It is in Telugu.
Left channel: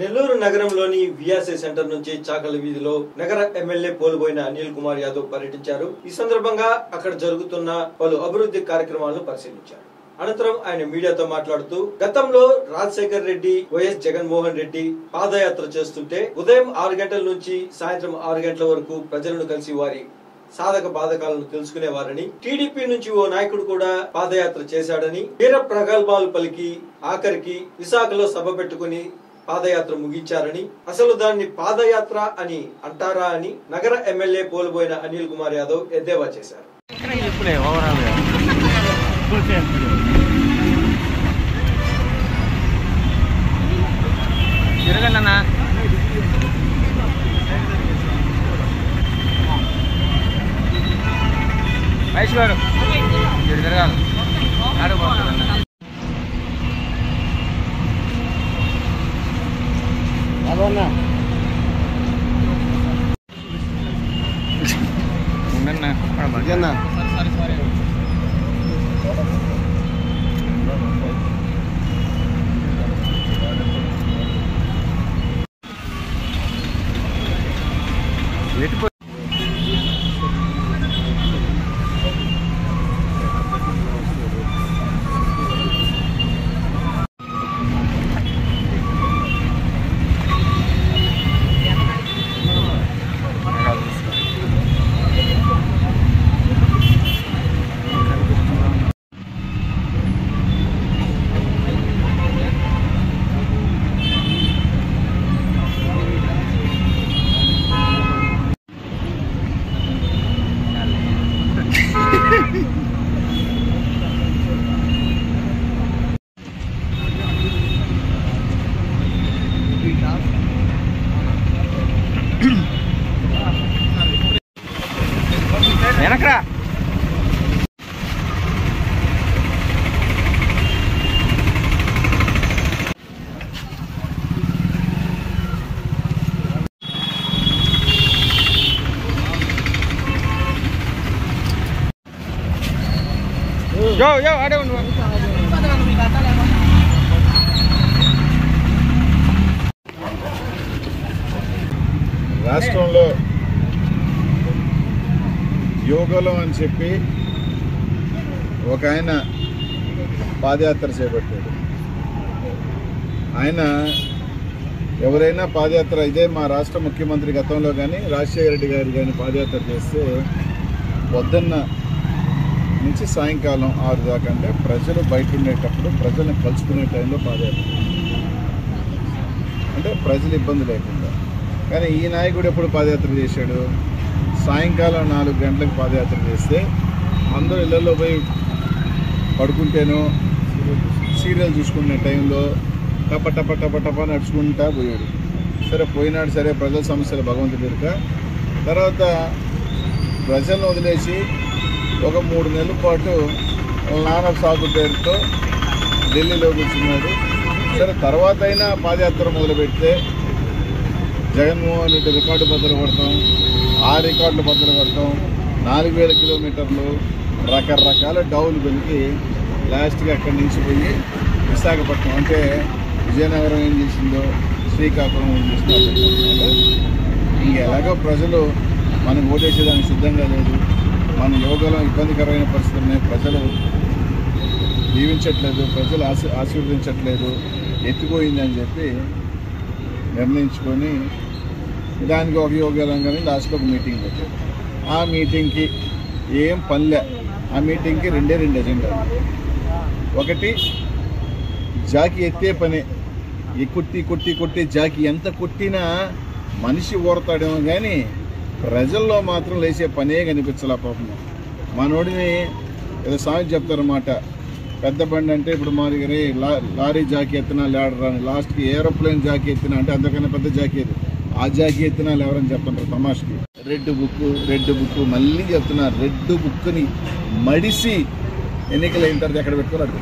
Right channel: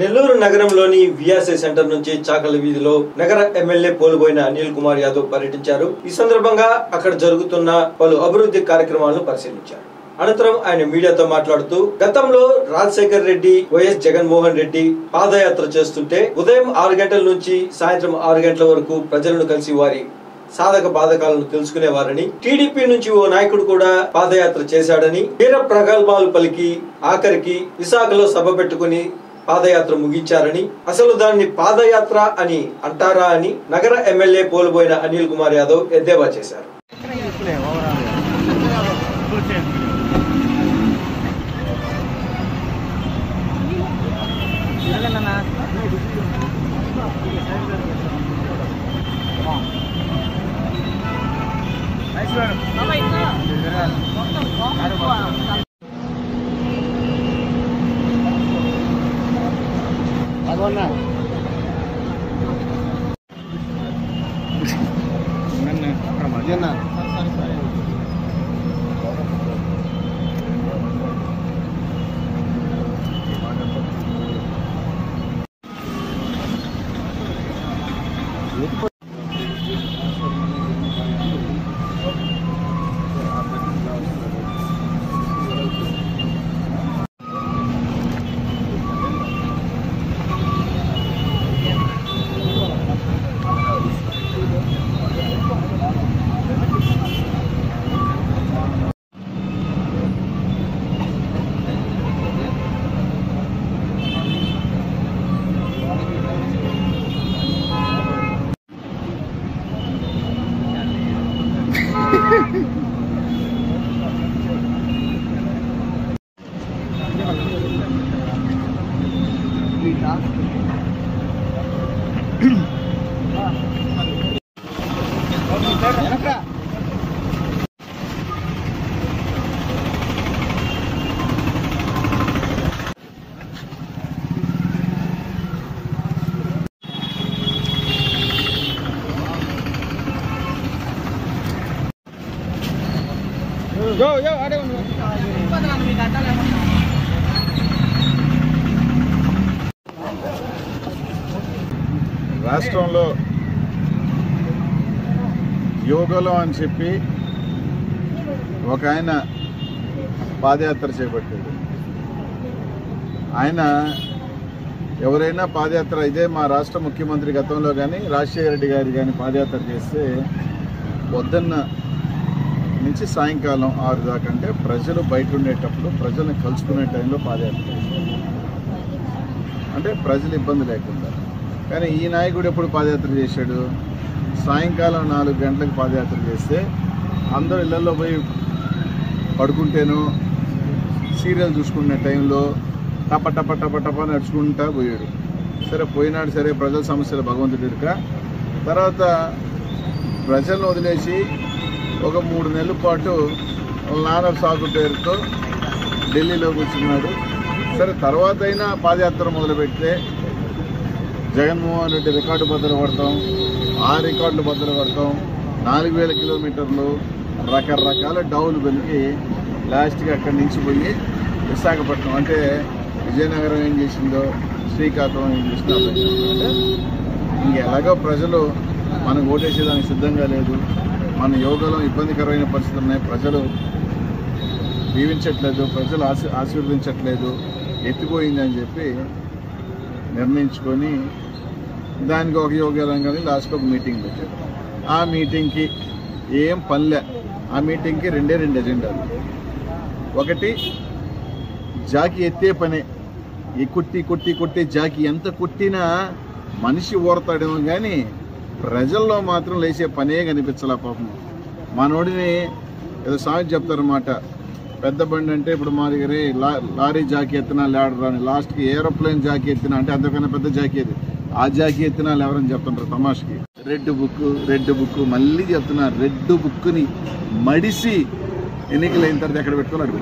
నెల్లూరు నగరంలోని విఆర్సీ సెంటర్ నుంచి చాకలి వీధిలో నగర ఎమ్మెల్యే పోలుబోయిన అనిల్ కుమార్ యాదవ్ పర్యటించారు. ఈ సందర్భంగా అక్కడ జరుగుతున్న పలు అభివృద్ధి కార్యక్రమాలను పరిశీలించారు. అనంతరం ఆయన మీడియాతో మాట్లాడుతూ గతంలో రాజశేఖర్ రెడ్డి, వైఎస్ జగన్మోహన్ రెడ్డి పాదయాత్ర చేస్తుంటే ఉదయం 6 గంటల నుంచి సాయంత్రం 6 గంటల వరకు ప్రజలను కలిసి వారి సాధక బాధకాలను తెలుసుకునేవారని, టీడీపీ నుంచి ఓ నాయకుడు కూడా పాదయాత్ర చేశాడని, వీర ప్రగల్భాలు పలికి ఆఖరికి విశాఖలో సభ పెట్టుకుని పాదయాత్ర ముగించారని, అసలు దాన్ని పాదయాత్ర అని అంటారా అని నగర ఎమ్మెల్యే పోలుబోయిన అనిల్ కుమార్ యాదవ్ ఎద్దేవా చేశారు. వెనకరా ఆడే ఉండు. రాష్ట్రంలో యోగలో అని చెప్పి ఒక ఆయన పాదయాత్ర చేపట్టాడు. ఆయన ఎవరైనా పాదయాత్ర, ఇదే మా రాష్ట్ర ముఖ్యమంత్రి గతంలో కానీ రాజశేఖర రెడ్డి గారు కానీ పాదయాత్ర చేస్తే పొద్దున్న నుంచి సాయంకాలం 6 దాకా, అంటే ప్రజలు బయట ఉండేటప్పుడు ప్రజల్ని కలుసుకునే టైంలో పాదయాత్ర, అంటే ప్రజలు ఇబ్బంది లేకుండా. కానీ ఈ నాయకుడు ఎప్పుడు పాదయాత్ర చేశాడు? సాయంకాలం 4 గంటలకు పాదయాత్ర చేస్తే అందరూ ఇళ్లలో పోయి పడుకుంటేనో సీరియల్ చూసుకునే టైంలో టప టప టప టప నడుచుకుంటా పోయాడు. సరే పోయినాడు, సరే ప్రజల సమస్యలు భగవంతుడు ఎరుక. తర్వాత ప్రజలను వదిలేసి ఒక 3 నెలల పాటు నాన్న సాగు పేరుతో ఢిల్లీలో కూర్చున్నాడు. సరే తర్వాత అయినా పాదయాత్ర మొదలుపెడితే జగన్మోహన్ రెడ్డి రికార్డు బద్దలు కొడతాం, ఆ రికార్డులు బద్దలు కొడతాం, 4000 కిలోమీటర్లు రకరకాల డౌలు వెలికి లాస్ట్గా అక్కడి నుంచి పోయి విశాఖపట్నం, అంటే విజయనగరం ఏం చేసిందో, శ్రీకాకుళం ఏం చేసిందో ఇంకెలాగో ప్రజలు మనకు ఓటేసేదానికి సిద్ధంగా లేదు. మన యోగాలో ఇబ్బందికరమైన పరిస్థితులు ఉన్నాయి, ప్రజలు దీవించట్లేదు, ప్రజలు ఆశీర్వదించట్లేదు, ఎత్తిపోయిందని చెప్పి నిర్ణయించుకొని దానికి ఒక యోగాలంగానే లాస్ట్లో ఒక మీటింగ్ పెట్టారు. ఆ మీటింగ్కి ఏం పనిలే. ఆ మీటింగ్కి 2 ఎజెండాలు. ఒకటి జాకి ఎత్తే పని, ఈ కొట్టి జాకి ఎంత కొట్టినా మనిషి ఓడతాడేమో కానీ ప్రజల్లో మాత్రం లేచే పనే కనిపించాల. పాపం మనోడిని ఏదో సాగు చెప్తారన్నమాట, పెద్ద బండి అంటే ఇప్పుడు మా దగ్గర లారీ జాకీ ఎత్తినా లేడరు అని, లాస్ట్కి ఏరోప్లేన్ జాకీ ఎత్తినా అంటే అంతకన్నా పెద్ద జాకీ అది, ఆ జాకీ ఎత్తినా లేవరని చెప్తుంటారు తమాష్కి. రెడ్ బుక్ మళ్ళీ చెప్తున్నారు. రెడ్ బుక్ని మడిసి ఎన్నికలు అయిన తర్వాత ఎక్కడ పెట్టుకున్నాడు.